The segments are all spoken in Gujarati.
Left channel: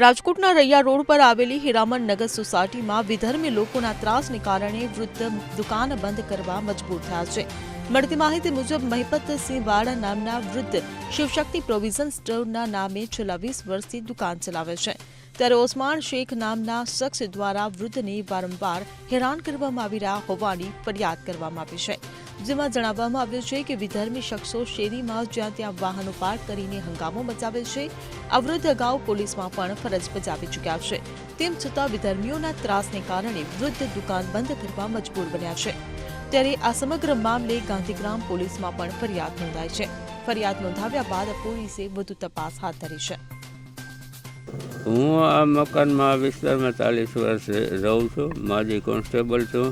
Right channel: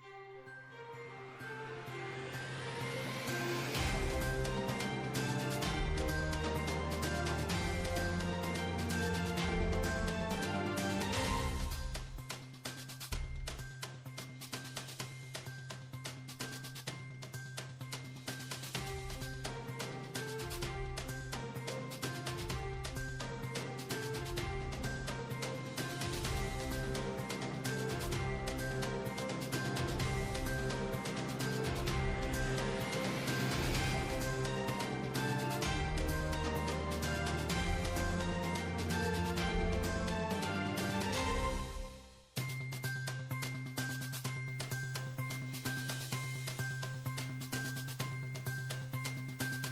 રાજકોટના રૈયા રોડ પર આવેલી હીરામણ નગર સોસાયટીમાં વિધર્મી લોકોના ત્રાસને કારણે વૃદ્ધ દુકાન બંધ કરવા મજબૂર થયા છે. મળતી માહિતી મુજબ મહિપતસિંહ વાળા નામના વૃદ્ધ શિવશક્તિ પ્રોવિઝન સ્ટોરના નામે છેલ્લા 20 વર્ષથી દુકાન ચલાવે છે. ત્યારે ઓસમાન શેખ નામના શખ્સ દ્વારા વૃદ્ધને વારંવાર હેરાન કરવામાં આવી રહ્યા હોવાની ફરિયાદ કરવામાં આવી છે. જેમાં જણાવવામાં આવ્યું છે કે વિધર્મી શખ્સો શેરીમાં જ્યાં ત્યાં વાહનો પાર્ક કરીને હંગામો મચાવે છે. આ વૃદ્ધ અગાઉ પોલીસમાં પણ ફરજ બજાવી ચૂક્યા છે. તેમ છતાં વિધર્મીઓના ત્રાસને કારણે વૃદ્ધ દુકાન બંધ કરવા મજબૂર બન્યા છે. ત્યારે આ સમગ્ર મામલે ગાંધીગ્રામ પોલીસમાં પણ ફરિયાદ નોંધાઈ છે. ફરિયાદ નોંધાવ્યા બાદ પોલીસે વધુ તપાસ હાથ ધરી છે. હું આ મકાનમાં આ વિસ્તારમાં 40 વર્ષ રહું છું. માજી કોન્સ્ટેબલ છું.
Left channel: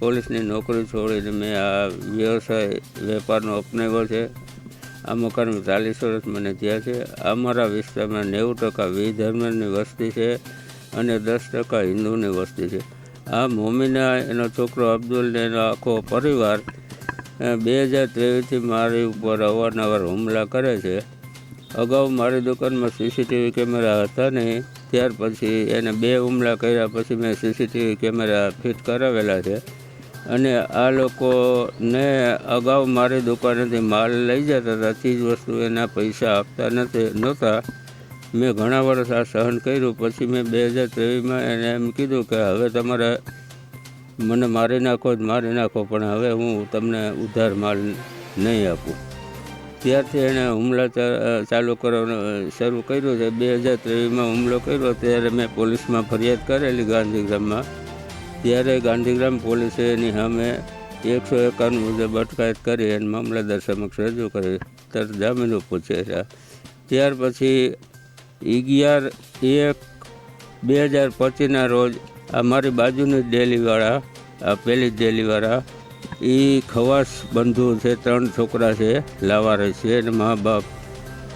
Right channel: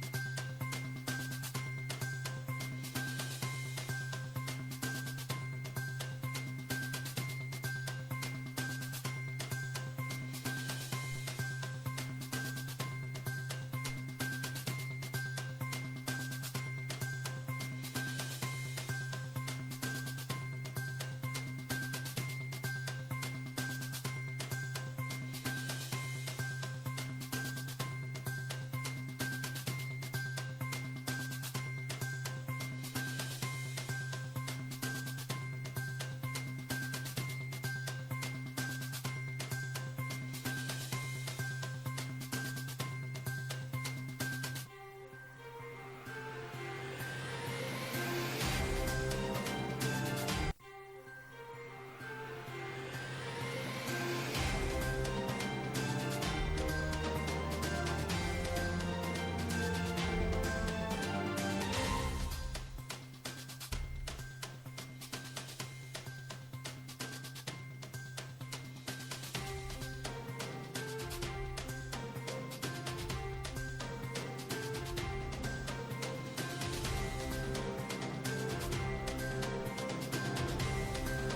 પોલીસની નોકરી છોડીને મેં આ વ્યવસાય વેપારનો અપનાવ્યો છે. આ મકાનમાં 40 વર્ષ મને થયા છે. અમારા વિસ્તારમાં 90% વિધર્મની વસ્તી છે અને 10% હિન્દુની વસ્તી છે. આ મોમિના એનો છોકરો અબ્દુલ ને એનો આખો પરિવાર 2023થી મારી ઉપર અવારનવાર હુમલા કરે છે. અગાઉ મારી દુકાનમાં સીસીટીવી કેમેરા હતા નહીં. ત્યાર પછી એને 2 હુમલા કર્યા પછી મેં સીસીટીવી કેમેરા ફિટ કરાવેલા છે. અને આ લોકોને અગાઉ મારી દુકાનેથી માલ લઈ જતા હતા, ચીજ વસ્તુ એના પૈસા આપતા નહોતા. મેં ઘણા વર્ષ આ સહન કર્યું. પછી મેં 2023માં એને એમ કીધું કે હવે તમારે મને મારી નાખો પણ હવે હું તમને ઉધાર માલ નહીં આપું. ત્યારથી એણે હુમલા ચાલુ કરવાનું શરૂ કર્યું છે. 2023માં હુમલો કર્યો ત્યારે મેં પોલીસમાં ફરિયાદ કરેલી ગાંધીગ્રામમાં. ત્યારે ગાંધીગ્રામ પોલીસે એની સામે 151 મુજબ અટકાયત કરી અને મામલતદાર સમક્ષ રજૂ કરી તરત જામીન ઉપર છે. ત્યાર પછી 11/1/2025ના રોજ આ મારી બાજુની ડેલીવાળા, આ પહેલી ડેલીવાળા, એ ખવાસ બંધુ છે. 3 છોકરા છે, લાવારે છે અને મા બાપ,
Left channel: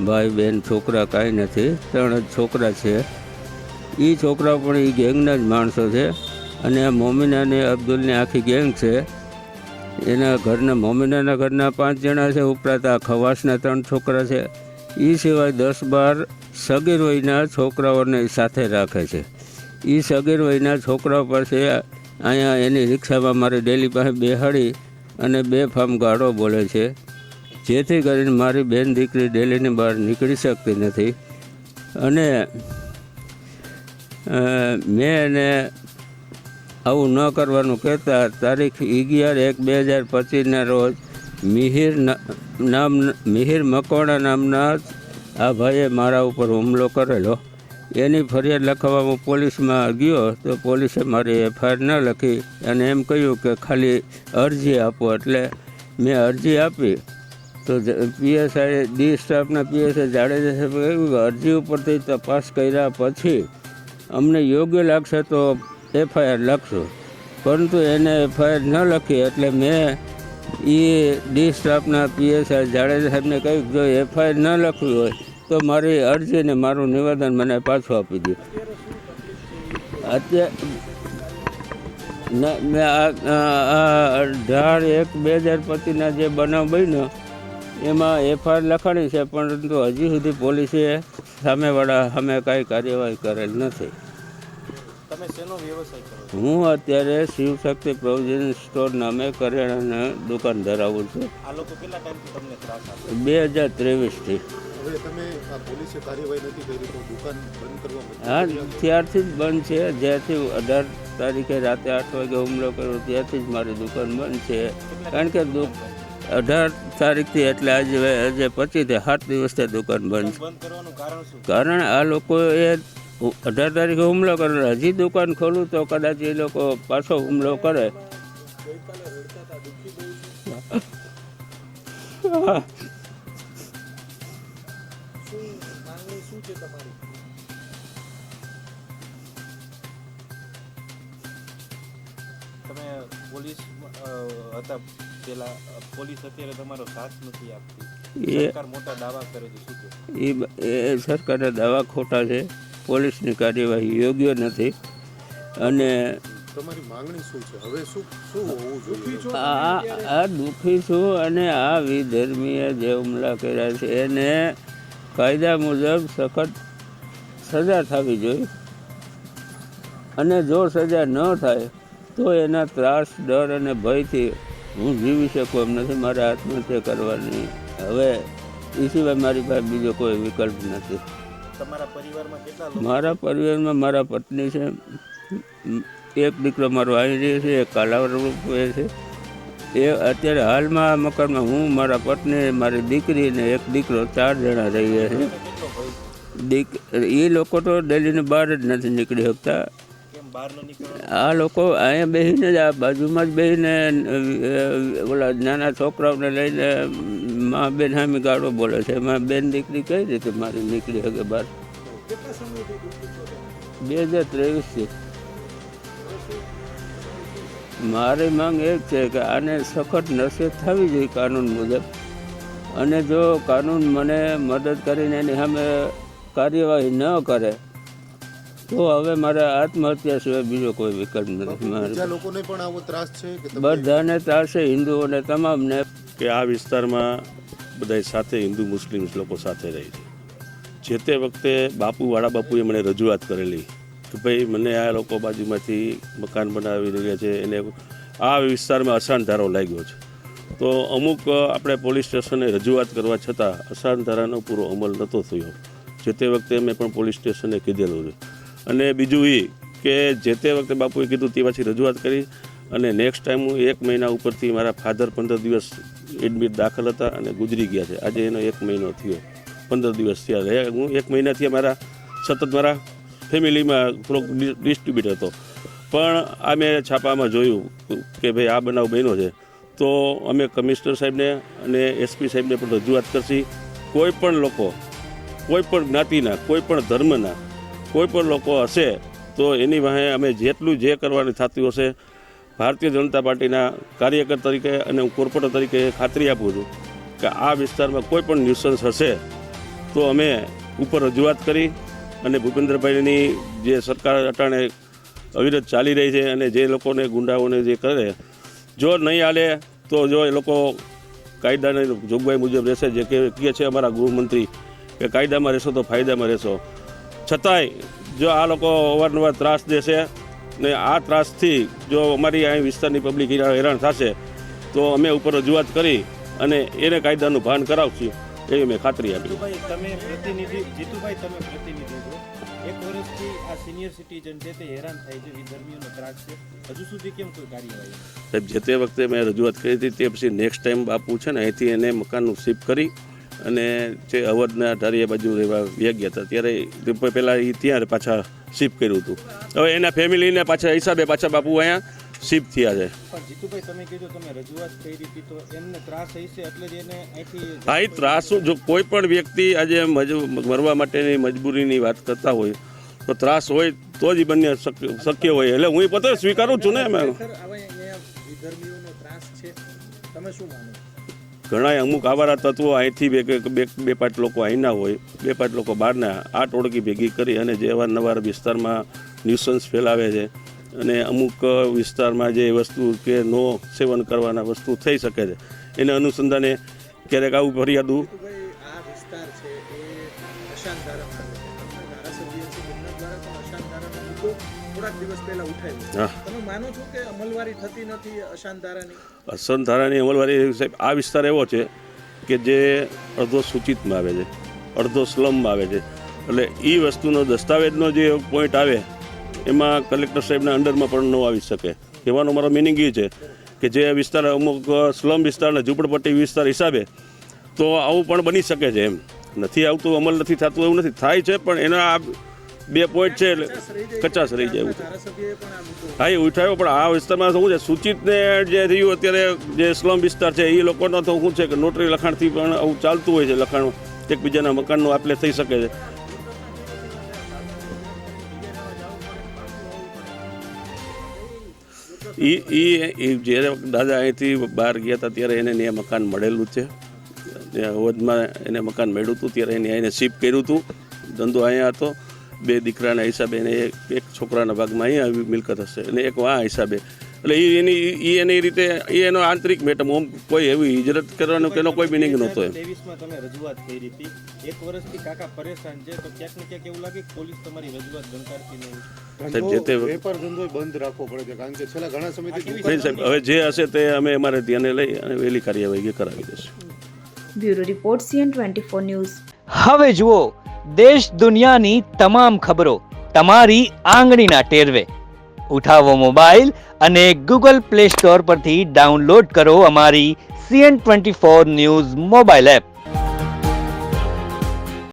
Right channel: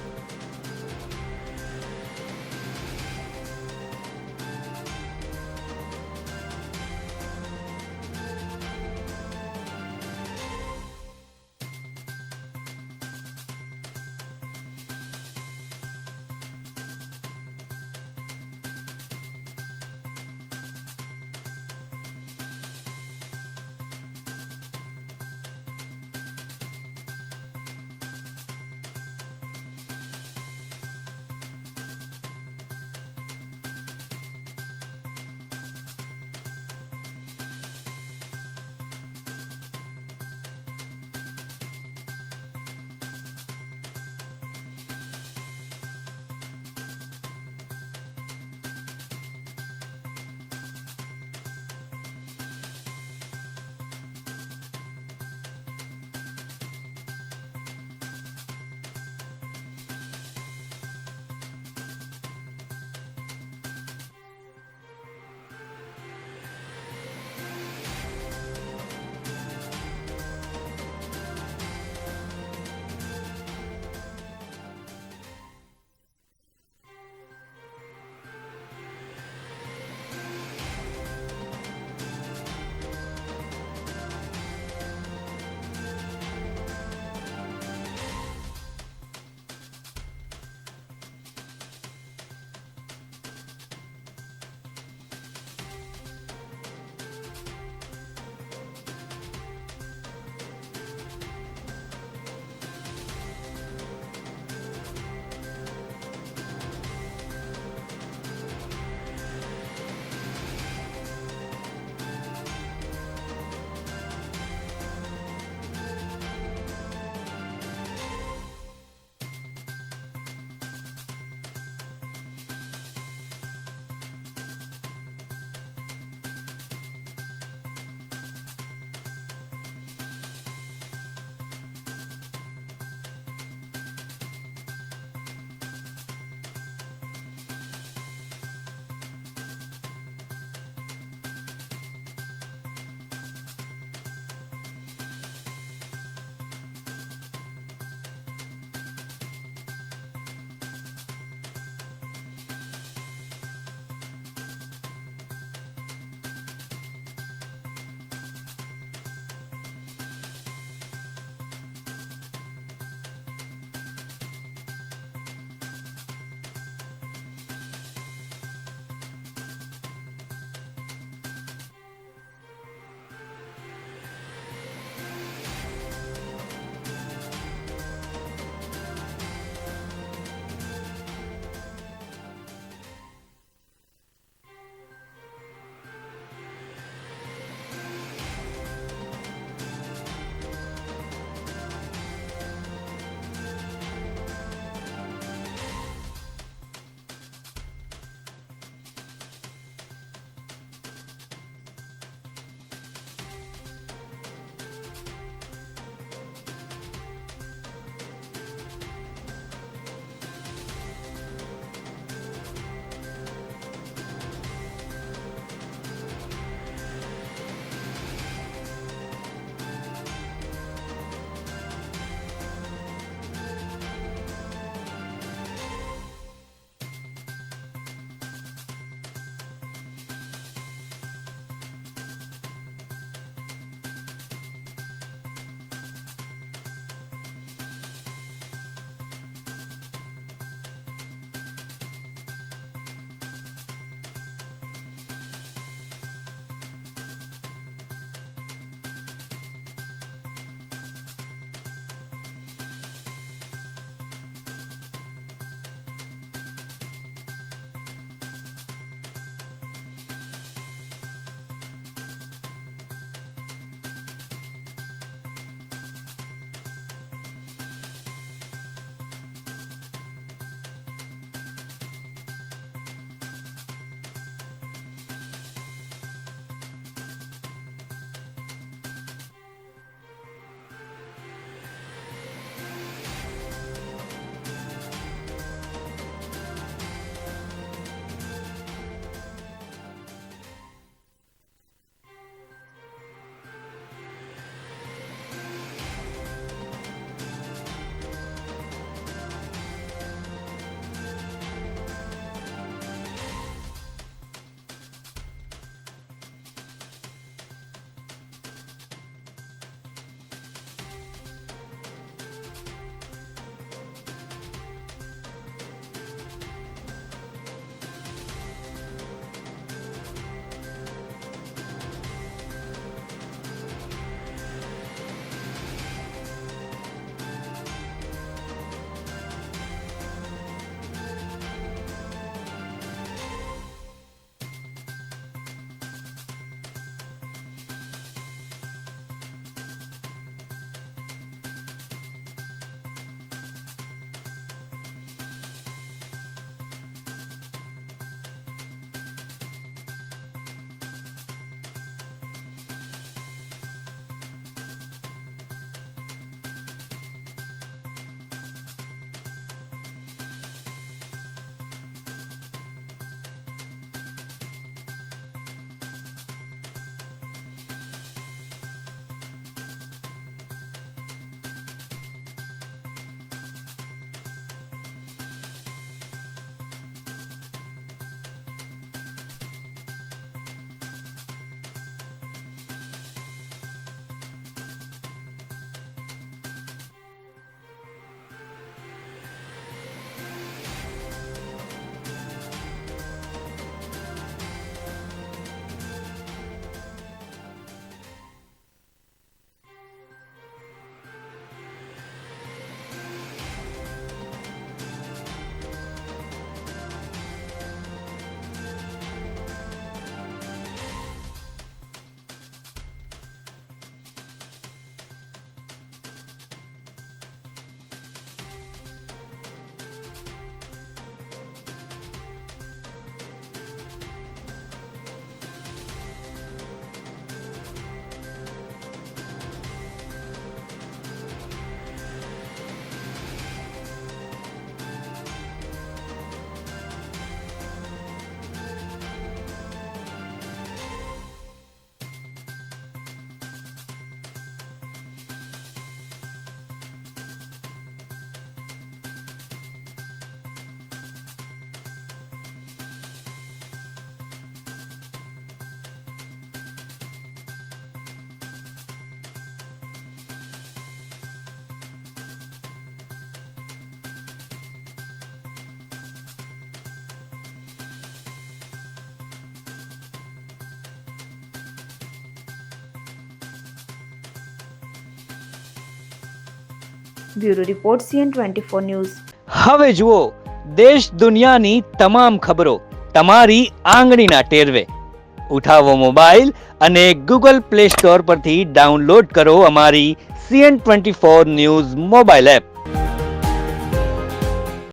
ભાઈ બહેન, છોકરા કાંઈ નથી. 3 જ છોકરા છે. એ છોકરા પણ એ ગેંગના જ માણસો છે. અને આ મોમિનાને અબ્દુલની આખી ગેંગ છે. એના ઘરના મોમિનાના ઘરના 5 જણા છે. ઉપરાંત આ ખવાસના 3 છોકરા છે. એ સિવાય 10-12 સગીર વયના છોકરાઓને સાથે રાખે છે. એ સગીર વયના છોકરાઓ પાસે અહીંયા એની રિક્ષામાં મારી ડેલી પાસે બેહાડી અને બેફામ ગાળો બોલે છે. જેથી કરીને મારી બેન દીકરી ડેલીની બહાર નીકળી શકતી નથી. અને મેં એને આવું ન કરવાનું કહેતા તારીખ 11/1/2025ના રોજ મિહિર મકવાણા નામના આ ભાઈએ મારા ઉપર હુમલો કરેલો. એની ફરિયાદ લખાવવામાં પોલીસમાં ગયો તો પોલીસે મારી FIR ન લખી અને એમ કહ્યું કે ખાલી અરજી આપો. એટલે મેં અરજી આપી તો PSI ડી સ્ટાફના PSI જાડેજા સાહેબે કહ્યું કે અરજી ઉપરથી તપાસ કર્યા પછી અમને યોગ્ય લાગશે તો FIR લખશું. પરંતુ એને FIR ન લખી. એટલે મેં એ ડી સ્ટાફના PSI જાડેજા સાહેબને કહ્યું જો FIR ન લખવી હોય તો મારી અરજીને મારું નિવેદન મને પાછું આપી દે. અત્યારે મેં 18/1/2025ના જે બનાવ બન્યો એમાં FIR લખાણી છે, પરંતુ હજી સુધી પોલીસે સામેવાળા સામે કાંઈ કાર્યવાહી કરેલ નથી. હું અત્યારે શિવશક્તિ પ્રોવિઝન સ્ટોર નામે કરિયાણાની દુકાન ધરાવું છું 2023થી. હા, ત્યારથી જ બંધ છે. જ્યાંથી 18 તારીખે રાતે 8 વાગે હુમલો કર્યો ત્યારથી જ મારી દુકાન બંધ છે. કારણ કે 18 તારીખથી એટલે આજે 25થી 7 દિવસથી દુકાન બંધ છે. કારણ આ લોકોએ 18 તારીખે હુમલો કરેલો. હજી દુકાન ખોલું તો કદાચ એ લોકો પાછો હુમલો કરે. સરકારના દાવા ખોટા છે. પોલીસની કાર્યવાહી યોગ્ય નથી. અને આ દુઃખી છું. અને આ વિધર્મીએ જે હુમલા કર્યા છે એને કાયદા મુજબ સજા થવી જોઈએ અને જો સજા ન થાય તો એના ત્રાસ, ડર અને ભયથી હું જીવી શકું એમ નથી. મારે આત્મહત્યા કરવાની હવે એ સિવાય મારી પાસે બીજો કોઈ વિકલ્પ નથી. મારા પરિવારમાં મારા પત્ની છે, એક દીકરો મારો આવી રહ્યો છે, એક કાલાવર રહે છે. એ અત્યારે હાલમાં મકાનમાં હું, મારા પત્ની, મારી દીકરી ને એક દીકરો, 4 જણા રહીએ છીએ. એ લોકો તો દિલ્હીની બહાર જ નથી નીકળી શકતા. આ લોકો અહીંયા બેસીને જ, આ બાજુમાં જ બેસીને ઓલા નાના છોકરાઓને લઈને મા બેન સામે ગાળો બોલે છે. એમાં બેન દીકરી કઈ રીતે મારી નીકળી શકે બહાર? 2023 મારી માંગ એ છે કે આને સખત નસીહત થવી જોઈએ કાનૂન મુજબ, અને જો કાનૂન મને મદદ કરીને એની સામે કાર્યવાહી ન કરે તો હવે મારે આત્મહત્યા સિવાય બીજો કોઈ વિકલ્પ નથી. લોકોને પણ આવો ત્રાસ છે કે બધાને ત્રાસ છે, હિન્દુઓને તમામને. કે આ વિસ્તારમાં બધા સાથે હિન્દુ મુસ્લિમ લોકો સાથે રહે છે. જે તે વખતે વાળા બાપુએ મને રજૂઆત કરેલી કે ભાઈ મને આ લોકો બાજુમાંથી મકાન બનાવી રહ્યા છે, એને આ વિસ્તારમાં અશાંત લાગ્યો છે. તો અમુક આપણે પોલીસ સ્ટેશને રજૂઆત કરવા છતાં અશાંત ધારાનો પૂરો અમલ નહોતો થયો. જે તે વખતે મેં પણ પોલીસ સ્ટેશને કીધેલું છે. અને બીજું એ કે જે તે વખતે બાપુએ કીધું તે પછી રજૂઆત કરી, અને નેક્સ્ટ ટાઈમ હું 1 મહિના ઉપરથી મારા ફાધર 15 દિવસ એડમિટ દાખલ હતા અને ગુજરી ગયા છે. આજે એનો 1 મહિનો થયો, 15 દિવસ થયા. હું 1 મહિનાથી સતત મારા ફેમિલીમાં થોડોક ડિસ્ટ્રીબ્યુટ હતો. પણ આ મેં છાપામાં જોયું કે ભાઈ આ બનાવ બન્યો છે, તો અમે કમિશનર સાહેબને અને એસપી સાહેબને પણ રજૂઆત કરશી. કોઈ પણ લોકો, કોઈ પણ જ્ઞાતિના, કોઈ પણ ધર્મના કોઈ પણ લોકો હશે તો એની વાહે અમે જેટલું જે કરવાનું થતું હશે, ભારતીય જનતા પાર્ટીના કાર્યકર તરીકે અને હું કોર્પોરેટર તરીકે ખાતરી આપું છું કે આ વિસ્તારમાં કોઈ પણ ન્યુસન્સ હશે તો અમે ઉપર રજૂઆત કરી અને ભૂપેન્દ્રભાઈની જે સરકાર અટાણે અવિરત ચાલી રહી છે અને જે લોકોને ગુંડાઓને જે કરે, જો નહીં હાલે તો જો એ લોકો કાયદાની જોગવાઈ મુજબ રહેશે. જે કહે છે અમારા ગૃહમંત્રી કે કાયદામાં રહેશો તો ફાયદામાં રહેશો. છતાંય જો આ લોકો અવારનવાર ત્રાસ દેશે ને આ ત્રાસથી જો અમારી અહીં વિસ્તારની પબ્લિક હેરાન થશે તો અમે ઉપર રજૂઆત કરી અને એને કાયદાનું ભાન કરાવશું એવી મેં ખાતરી આપી. સાહેબ જે તે વખતે મેં રજૂઆત કરી હતી તે પછી નેક્સ્ટ ટાઈમ બાપુ છે ને અહીંથી એને મકાનનું શિફ્ટ કરી અને જે અવધના ધારીયા બાજુ રહેવા ગયા હતા ત્યારે પહેલાં એ ત્યાં પાછા શિફ્ટ કર્યું હતું. હવે એના ફેમિલીને પાછા હિસાબે પાછા બાપુ અહીંયા શિફ્ટ થયા છે. હા, એ ત્રાસ જો કોઈ પણ વ્યક્તિ આજે મરવા માટેની મજબૂરીની વાત કરતા હોય તો ત્રાસ હોય તો જ બંને શક્ય હોય. એટલે હું પોતે સ્વીકારું છું ને. એમાં ઘણા અમુક આવારા તત્વો અહીંથી બે પાંચ લોકો અહીંના હોય, 2-5 લોકો બહારના, આ ટોળકી ભેગી કરી અને જે અવારનવાર વિસ્તારમાં ન્યુસન્સ ફેલાવે છે અને અમુક વિસ્તારમાં જે વસ્તુ કે નો સેવન કરવાના વસ્તુ થઈ શકે છે એને અનુસંધાને ક્યારેક આવું ફરિયાદું અશાંત ધારાની અમલવારી. સાહેબ આ વિસ્તાર એવો છે કે જે અડધો સૂચિતમાં આવે છે, અડધો સ્લમમાં આવે છે. એટલે એ વસ્તુનો દસ્તાવેજનો જે પોઈન્ટ આવે એમાં કલેક્ટર સાહેબના અંડરમાં પણ ન આવી શકે. કહેવાનો મારો મિનિંગ એ છે કે જે વિસ્તાર અમુક સ્લમ વિસ્તારના ઝૂંપડપટ્ટી વિસ્તાર હિસાબે તો આવું પણ બની શકે છે. એમ નથી આવતું, અમલ નથી થતું એવું નથી, થાય છે પણ એના આ 2 પોઈન્ટ છે એટલે કચાશ રહી જાય એવું. હા, એ ઉઠાવ્યો પણ આ વિસ્તારમાં શું છે, સૂચિતને જે રહ્યું અત્યારે જે સ્લમ વિસ્તાર છે એ લોકોનો તો શું છે કે નોટરી લખાણથી પણ આવું ચાલતું હોય છે. લખાણ એકબીજાના મકાનનું આપલે થઈ શકે છે. એ જ્યારે દાદા અહીંથી બહાર ગયા હતા ત્યારે એને ત્યાં મકાન મળેલું છે. અવધમાં એને મકાન મળ્યું હતું ત્યારે એને એને શિફ્ટ કર્યું હતું. ધંધો અહીંયા હતો. 2 દીકરાના હિસાબે એને એક છોકરાના ભાગમાં અહીંયા આવી મિલકત હશે અને એક આ હિસાબે એટલે એની રીતે એનો આંતરિક મેટર, ઓમ કોઈ એવી હિજરત કરવાનો કે એનો કોઈ મિનિંગ નહોતો એમ. 23માં તમે રજૂઆત કરી હતી, એક વર્ષથી કાકા પરેશાન છે, તો ક્યાંક ને ક્યાંક એવું લાગે કે પોલીસ તમારી રજૂઆત ગણકારતી નહીં. સાહેબ, જે તે વેપાર ધંધો બંધ રાખવો પડે છે કારણ કે છેલ્લા ઘણા સમયથી નહીં સાહેબ, હવે જે હશે તે અમે અમારે ધ્યાને લઈ અને વહેલી કાર્યવાહી કરાવી દઈશું. Bureau report CN24 news. હવે જુઓ દેશ દુનિયાની તમામ ખબરો તમારી આંગળીના ટેરવે. ઉઠાવો મોબાઈલ અને Google Play Store પરથી ડાઉનલોડ કરો અમારી CN24 ન્યૂઝ મોબાઈલ એપ.